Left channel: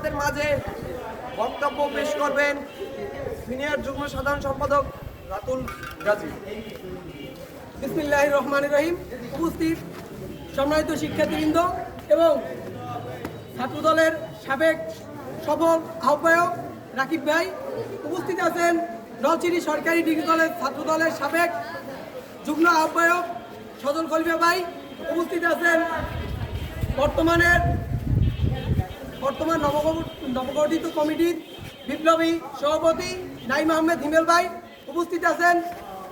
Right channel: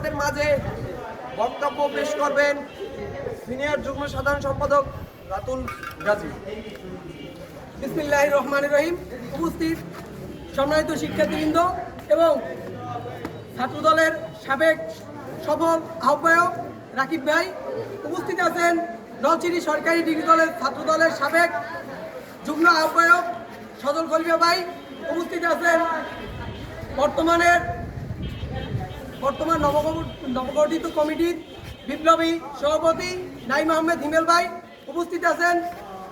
আমাদের মাঝে বক্তব্য পেশ করবেন সিনিয়র যুগ্ম সাধারণ সম্পাদক রাতুল গাজী। বিসমিল্লাহ রহমান রহিম। উপস্থিত সম্মানিত শিক্ষার্থীবৃন্দ এবং ছাত্রদলের সাবেক সফল আহ্বায়ক রাকিব ভাই। উপস্থিত আছেন নলছিটি সরকারি ডিগ্রি কলেজ ছাত্রদলের সাবেক যুগ্ম আহ্বায়ক সজল খলিফা ভাই। উপস্থিত আছেন বর্তমানের বর্তমান নবগঠ- নবগঠিত কমিটির বিপ্লবী সভাপতি নাইম আহমেদ হিমেল ভাই উপস্থিত আছেন।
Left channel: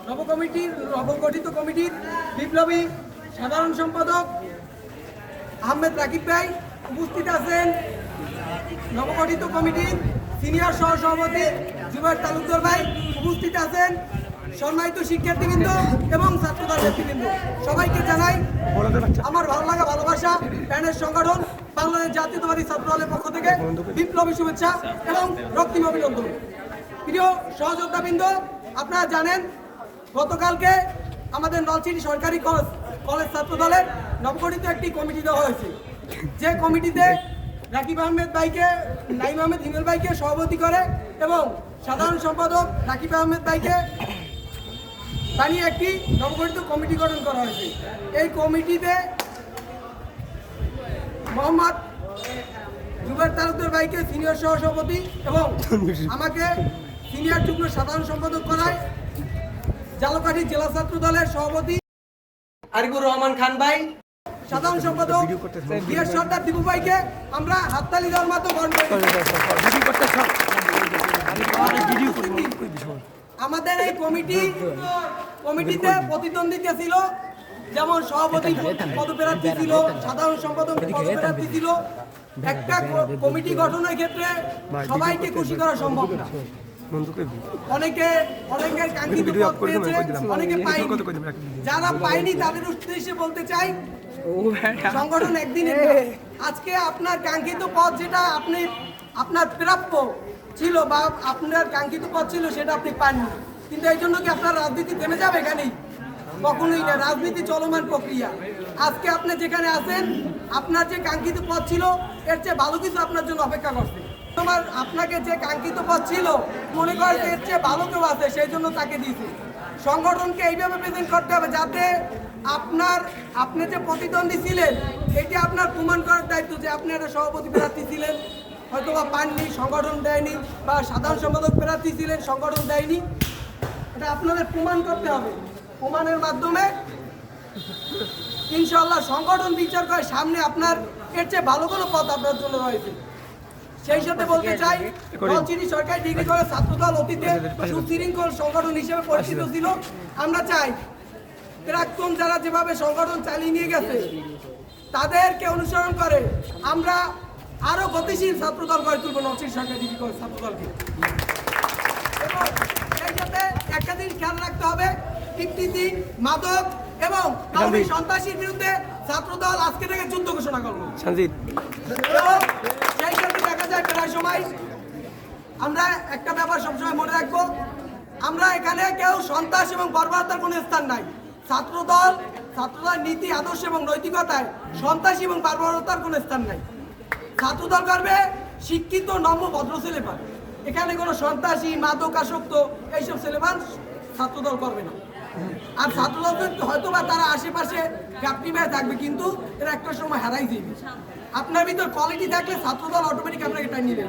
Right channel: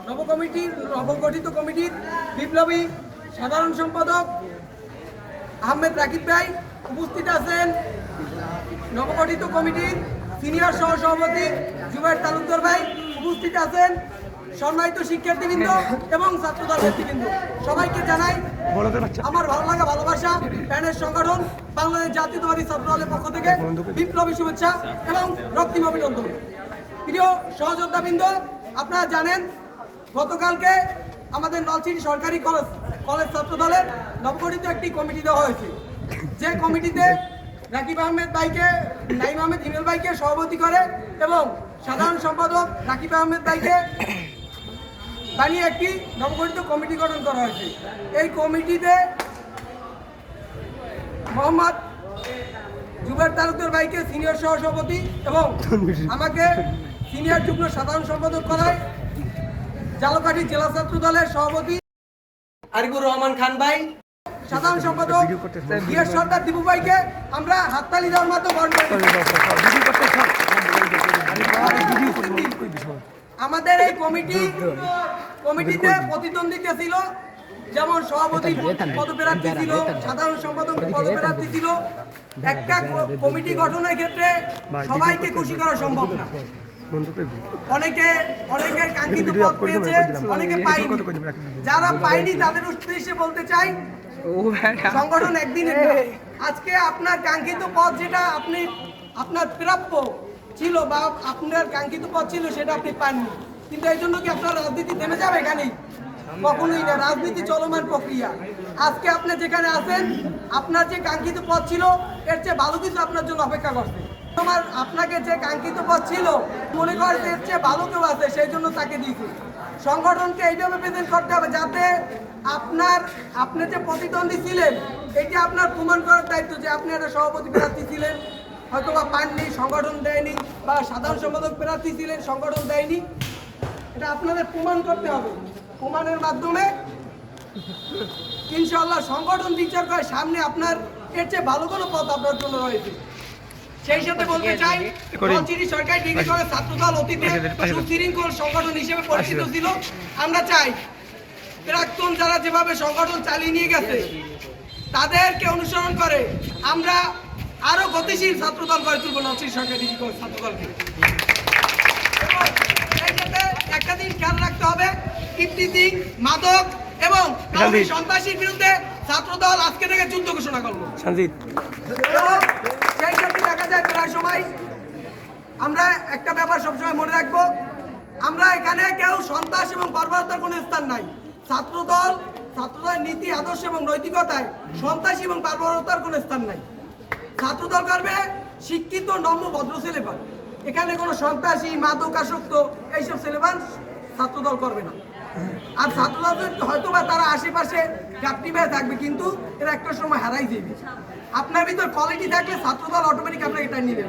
নবকমিটির নবগঠিত কমিটির বিপ্লবী সাধারণ সম্পাদক আহমেদ রাকিব ভাই উপস্থিত আছেন। নবগঠিত কমিটির সিনিয়র সহ সভাপতি জুবাইর তালুকদার ভাই উপস্থিত আছেন। সম্মানিত শিক্ষার্থীবৃন্দ এবং ছাত্রদল নেতৃবৃন্দ, সবাইকে জানাই আমার ভালো লাগা ভালোবাসা, প্যানের সংগঠন, বাংলাদেশ জাতীয়তাবাদী ছাত্র দলের পক্ষ থেকে বিপ্লবী শুভেচ্ছা এবং রক্তিম অভিনন্দন। প্রিয় সহযোদ্ধাবৃন্দ, আপনারা জানেন, গতকালকে আমাদের নলছিটি সরকারি কলেজ কলেজ ছাত্র দলের নবগঠিত একটি কমিটি দেওয়া হয়েছে। যে কমিটিতে রাকিব আহমেদ ভাইকে, নাইম আহমেদ হিমেল ভাইকে সভাপতি করে এবং সাধারণ সম্পাদক রাকিব আহমেদ ভাইকে বানিয়ে একটি নবগঠিত কমিটি গঠন করা হয়েছে। এই কমিটিতে মোহাম্মদ জুবের তালুকদার ভাইকে সিনিয়র সহসভাপতি এবং আমাকে সিনিয়র যুগ্ম সাধারণ সম্পাদক করায় জালকাঠি জেলা ছাত্র দলের সভাপতি আরিফুর রহমান খান ভাই সাধারণ সম্পাদক বিএস সর্দার দীপু ভাইকে আমরা হাততালি দেওয়ার মাধ্যমে বরণ করে। আমাদের এই কমিটি কমিটিতে প্রতিদ্বন্দ্বিতা ছিল। যেমন সভাপতি পদপ্রার্থী ছিল সাধারণ সম্পাদক পদপ্রার্থী ছিল। একটা কমিটি গঠনের ক্ষেত্রে সবাইকে খুশি করা সম্ভব না। অনেকে অনেকের কাঙ্ক্ষিত পদ পেয়েছে অনেকে পায়নি। যারা পায়নি তাদের উদ্দেশ্যে বলতে চাই সংগঠন একদিনের না। আজকে আপনার কাঙ্ক্ষিত পদ যেটা আপনি আপনার প্রাপ্য ছিল বা আপনার কাঙ্ক্ষিত পদ ছিল, সেটা আপনি পাননি। কিন্তু এই জন্য কি আপনার রাজনীতি থেমে যাবে এখানেই কখনোই না। রাজনীতি চলমান প্রক্রিয়া। আজকে আপনি যেখানে আছেন, আপনার যে কাঙ্ক্ষিত পদ ছিল, এর চেয়ে ভালো কিছু আপনার জন্য অপেক্ষা করছে। তোমার আপনাকে যে কাঙ্ক্ষিত পদ ছিল, মনে করে যে এর চেয়ে ভালো কেউ আছে, সেই জন্য তাকে দিয়েছে। সংগঠনকে এইভাবে প্রেজেন্ট করতে হবে যাতে আপনার, আপনি যে প্রতিদ্বন্দ্বী ছিলেন, এটি আপনার প্রমাণ করার দায়িত্ব যে আপনি একটা সভাপতি প্রার্থী ছিলেন। হয়তো বা পাননি সংগঠন দেয়নি বা সাধারণ সম্পাদক প্রার্থী ছিলেন সংগঠন দেয়নি। এটা আপনাদের প্রমাণ করতে হবে। প্রমাণের মাধ্যমে ইনশাল্লাহ সংগঠন বিচার করে সামনে আপনার এর চেয়ে ভালো কোনো পথ আপনার জন্য রয়েছে। সেই সাথে বলতে চাই নলছিটি সরকারি ডিগ্রি কলেজ ছাত্রদল অতীতে সুশৃঙ্খল সংগঠন হিসেবে পরিচিত ছিল। আমরা চাই প্রাক্তন যারা যেভাবে সংগঠন চালিয়ে নিয়ে গেছে তাদেরকে অনুসরণ করে। আমরা আরও গতিশীল ছাত্রদল গড়ে তুলব নলছিটি সরকারি ছাত্রদলকে। সেই সাথে একটা দিন খেয়াল রাখতে হবে ইফতিজিং মাদক এবং সন্ত্রাসীর বিরুদ্ধে ছাত্রদল আজকে থেকে যুদ্ধ ঘোষণা করব। এবং সেই সাথে দেখা যায় প্রায় সময় আমরা একটা ব্যাপার সবসময় মনে রাখব আমরা এখানে কেউ সন্ত্রাস এবং বর্বরতার কোনো স্থান নাই। ছাত্রদল ছাত্রদল নীতি আদর্শ এবং নৈতিকতায় সন্ত্রাসী এবং বর্বরতার কোনো স্থান নাই। ছাত্রদল করবে শিক্ষিত, নম্র, ভদ্র ছেলেপান এখানে কোনো সন্ত্রাসী, মাদক আসক্ত, এইসব ছেলেপান ছাত্রদল করবে না। আর ছাত্রদল হয়তো বা তারা আশেপাশে গাপটি মেয়ে থাকবে, কিন্তু এরা একটা সময় হারাই যাবে আপনার ভিতর কোয়ালিটি থাকলে ছাত্রদল অটোমেটিক আপনাকে এটা নেবে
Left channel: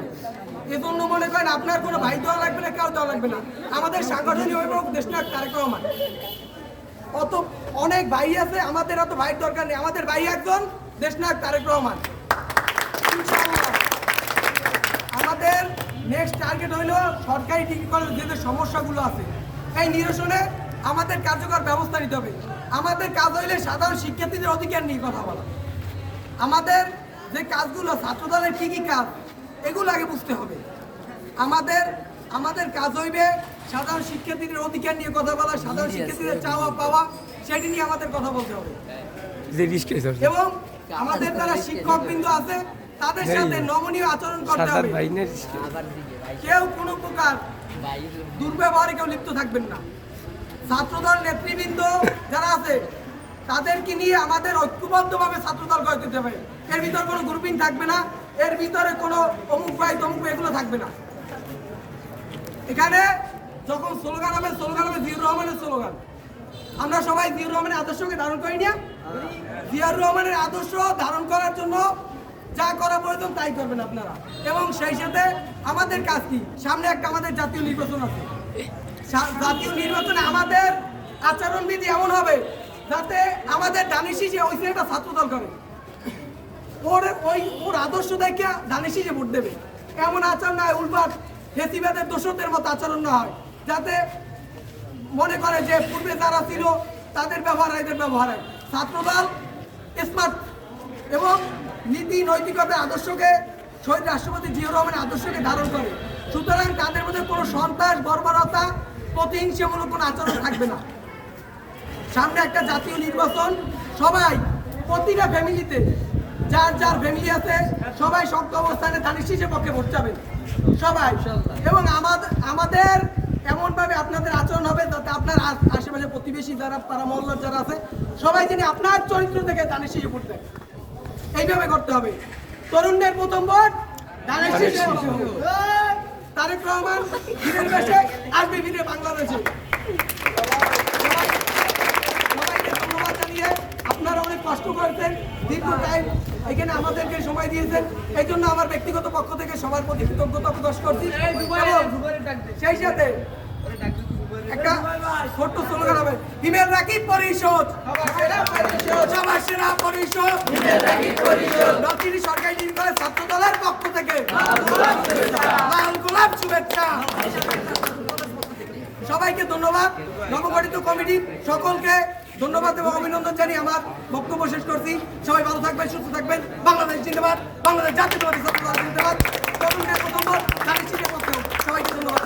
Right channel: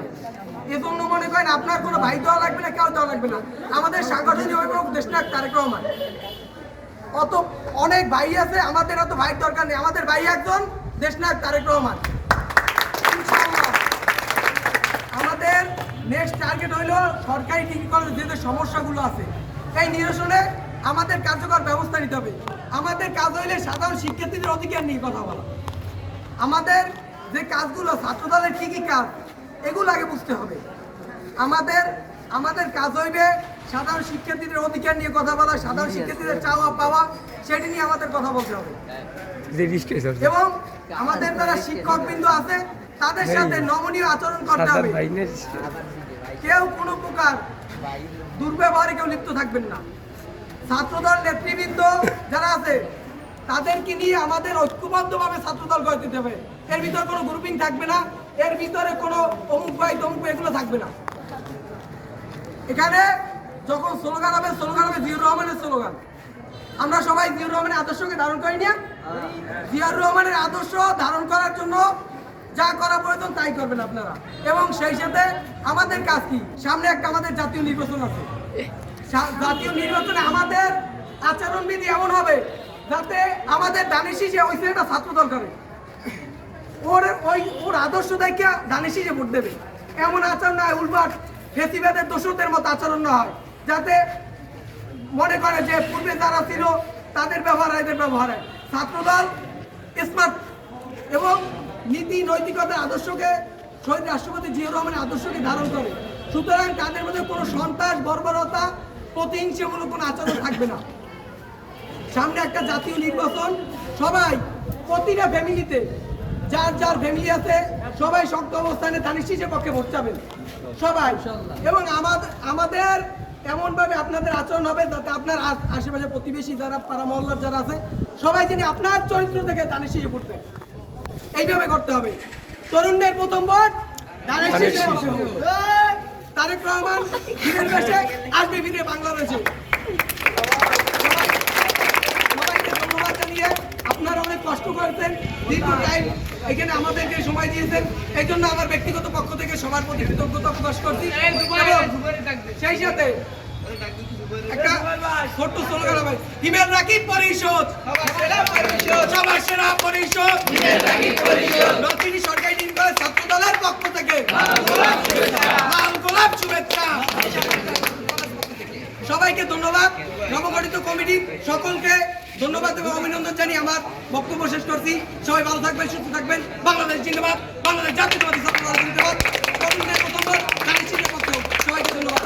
এজন্য মনে করেন আপনার কোনো ভাই দেওয়া লাগবে না, কেউ দেওয়া লাগবে না। আমাদের সাংগঠনিক দেশনাথ তারেক রহমান। অত অনেক ভাই আছে, আমাদের অত ভাইয়ের দরকার নেই। আমাদের ভাই একজন দেশনায়ক তারেক রহমান। আমাদের নেক্সট টার্গেট হলো সরকারি ডিগ্রি কলেজ যে যে সমস্যাগুলো আছে তাই নিরসনে আমাদের কার্যকর ব্যবস্থা নিতে হবে। আমাদের কাজ হইলে সাধারণ শিক্ষার্থীদের অধিকার নিয়ে কথা বলা। আমাদের যে কাজগুলো ছাত্রদলের কী কী কাজ এগুলো আগে বুঝতে হবে। আমাদের আমাদের কাজ হইবে সাধারণ শিক্ষার্থীদের অধিকার নিয়ে কথা বলা সাধারণ শিক্ষার্থীদের চাওয়া পাওয়া সেটি নিয়ে আমাদের কথা বলতে হবে। এবং আমাদের যারা শিক্ষক বিন্দু আছে তাদের সাথে নমনীয় আচরণ করতে হবে। কেউ কোনো প্রকার দুর্ব্যবহারে কেউ লিপ্ত থাকবেন না। ছাত্রদল নেতৃবৃন্দ যারা আছে তাদেরকে নিয়ে আমাদের ঐক্যবদ্ধভাবে ছাত্রদল গড়ে তুলতে হবে। এর ভিতর কোনো গ্রুপিং থাকবে না এর ভিতরে কোনো অমুক ভাই তমুক এগুলো থাকবে না। এখানে যখন স্লোগান হবে স্লোগান হবে জিয়ুর রহমানের স্লোগান। আমরা সবাই জিয়ুর রহমানের আদর্শকে ধারণ করি না। জিয়াউর রহমানের আদর্শ ধারণ করার জন্য যা করা প্রয়োজন তাই করবেন আপনারা। এবং সেই সাথে আমাদের কাজ কি? সামনে একটা আমাদের জাতীয় নির্বাচন আছে। জাতীয় নির্বাচনে আমাদের আচরণবিধি এমন হবে যাতে আমাদের দানিশি যে ওই একটা ছাত্রদল করে, ওর ওই ওর আদর্শ দেখে দানিশি যে ভোট দেবে। এমন আচরণ নয় উল্পাট ফেসিবাদের দোষদের মতো আচরণ না হয়। যাতে মনে করে যে পূর্বে যারা ছিল, তাদের ব্যবহার এদের ব্যবহার। হয়। ছাত্রদল স্মার্ট এবং নীতি নৈতিকতার আদর্শকে শহীদ রাষ্ট্রপতি জিয়া রহমানের আদর্শকে ধারণ করে। সুতরাং তাদের মধ্যে কোনো সন্ত্রাস বর্বরতা প্রতিহিংসামূলক কোনো আচরণ থাকবে না। সামনে একটা জাতীয় নির্বাচন সবাই প্রতিটা ফ্যামিলিতে যার যার ফ্যামিলি আছে সবাই শক্ত অবস্থানে দানিশ শীষের পক্ষে ভোট যাবেন সবাই। এবং আমাদের আমাদের এমন ভাবে আপনাদের আচরণ হবে যাতে আপনার আশেপাশে প্রতিবেশী যারা পাড়া মহল্লার যারা আছে সবাই যিনি আপনার চরিত্র থেকে শীষে ভোট দেন এইভাবে করতে হবে। তরুণদের প্রথম ভোট শীষে তারেক রহমান দিনের দেশে আসবে ফিরে বাংলাদেশে আপনারা অনেক কষ্ট করেছেন দীর্ঘ টাইম এখানে আমাদেরকে সময় দিয়েছেন। এই জন্য আমার ব্যক্তিগত পক্ষ থেকে সবার প্রতি কৃতজ্ঞতা প্রকাশ করছি। সেই সাথে একটা ছোট্ট স্লোগান হবে, হিমেল রাকিব পরিষদ সবার সেরা পরিষদ নলচিনি সরকারি নির্মলে ছাত্র দলের পক্ষ থেকে। লাল গোলাপ শুভেচ্ছা। সবাইকে ধন্যবাদ। নবগঠিত কমিটি সকলকে ধন্যবাদ এবং অভিনন্দন জানি আমার বক্তব্য শেষ করছি। সবাই ভালো থাকবেন, সুস্থ থাকবেন। বাংলাদেশ জিন্দাবাদ। বাংলাদেশ জাতীয়তাবাদী ছাত্র জিন্দাবাদ। প্রথমবার সবাইকে ধন্যবাদ।